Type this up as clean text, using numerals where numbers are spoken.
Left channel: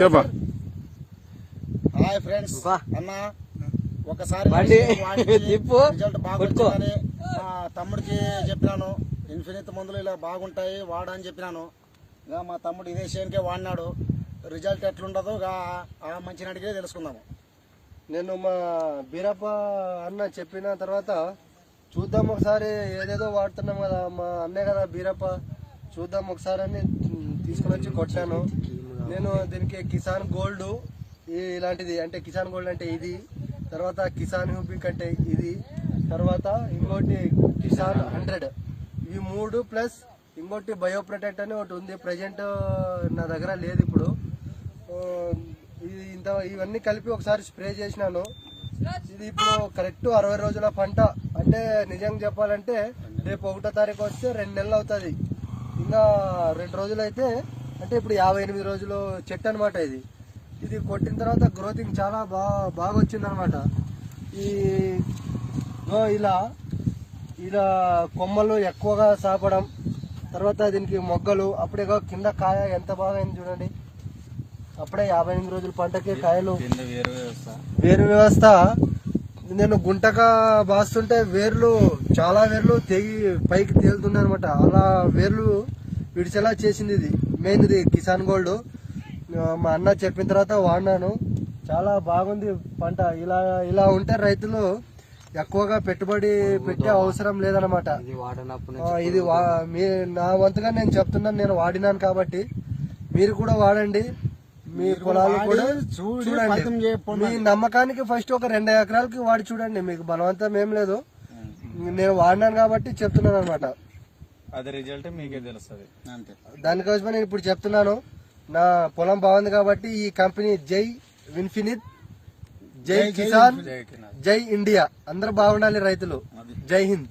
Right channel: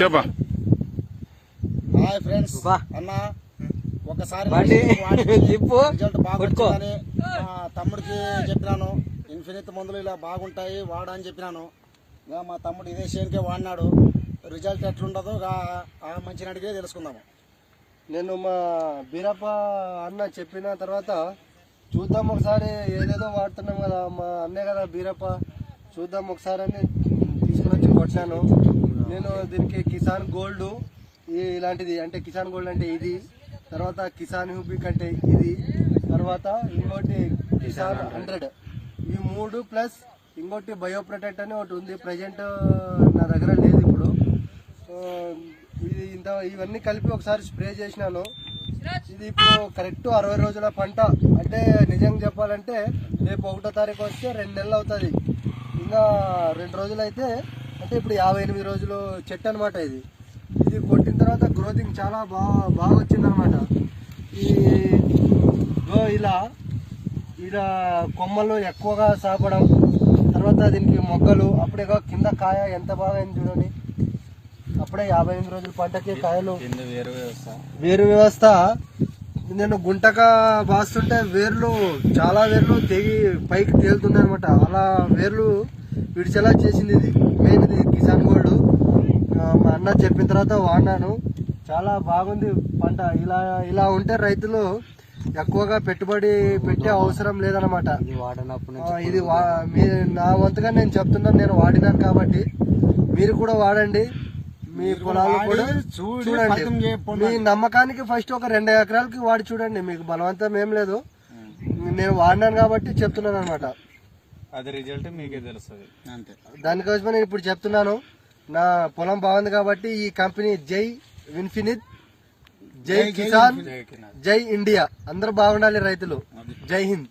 చెప్పా. Hi friends, అన్న ఒకసారి రిజల్ట్ బాగుంటుందని మా తమ్ముడికి చెప్పినాను. ఇన్ఫినిట్ మందులు ఇలా బాగుంటాయి వాడా అని చెప్పినాను. ఇక మా తమ్ముడు ఇదే షేన్కే వాడినాడు. రిజల్ట్ ఎట్లుండదో ఆ మంచి అడిగే తెలుసుకుందాము. నేను మా బీరప్ప అన్న చెప్పిన తర్వాత చూద్దాం ఒకసారి, ఏదేదో వాడుతున్నాం కదా మా అన్నే కదా బీరప్ప, చూద్దాం ఒకసారి అని తీసుకుని వచ్చి కొట్టాను. నేను దీనికి కిసాన్ గోల్డ్ ఇలాంటిది, అంటే కిసాన్ గోల్డ్ అంటే ఇది, తర్వాత కిసాన్ హ్యూబిక్ అంటే ఇది, తర్వాత ఇంకోటి కిసాన్ 100, ఇవి 3 ప్లస్ ఇంకోటి బయో ప్రొటెక్ట్ అని ఒకటి ఉంది. ప్రజెంట్ నా దగ్గర లేదు ఇప్పుడు. ఇది ఇవన్నీ కలిపి ఒకసారి స్ప్రే చేసినాను. ఇది ఇప్పుడు కరెక్ట్ 60 రోజుల పంట. అంటే నిజంగా చెప్పాలంటే రేపు 1వ తారీఖు వస్తే 2 నెలలు అవుతుంది. ఇంకా 2 రోజులు అయితే, అంటే ఇప్పుడు 58 రోజులు చెట్టు అనమాట. ఇది కొట్టిన తర్వాత గ్రోతింగ్ చాలా బాగా వచ్చింది అనమాట. ఇలా కొమ్మలు ఎక్కువగా సాపడం, తర్వాత దీనికి మొగ్గలు, అప్పుడే కింద కాయ ఎంత బాగా అయింది చూడండి. అప్పుడే 58 రోజుల పంటకి కాయలు. వేరు వ్యవస్థ నేను గుంటగా బాస్తుంటే చాలా వేర్లు తెగి పైకి తేలుతుంది అనమాట. అలా వేర్లు విడిచేలా చేసింది ఇది. మెయిన్ ఇది కిసాన్ గోల్డ్. మా అన్న చెప్పిన తర్వాత వాడినాను, చాలా బాగుంది పంట. ఇలా ఉంటే రైతులు ఎక్కువగా పెట్టుబడి పెట్టే అవసరం లేదనమాట. ఇది నా వంతుగా నేను చెప్తున్నాను, నేను వాడినాను కాబట్టి మీరు కూడా వాడండి. మీ పొలాలు కూడా చూడండి. మీ నమ్మకానికి ఫస్ట్ ఒక 2 ఎకరాలకి వాడి చూడండి, మీకు బలవంతం ఏం లేదు. నేను వాడినాను కాబట్టి చెప్తున్నాను అనమాట. అది రిజల్ట్ మీకే తెలుస్తుంది అంతే. దానికోసమే నేను ఇప్పుడు చెప్తున్నాను. నా పొలం బాగుంది కాబట్టి ఈ కంపెనీ జై ఇన్ఫినిట్, జై కిసాన్, జై ఇండియా, అందరూ బాగుండాలి రైతులు. జై హింద్.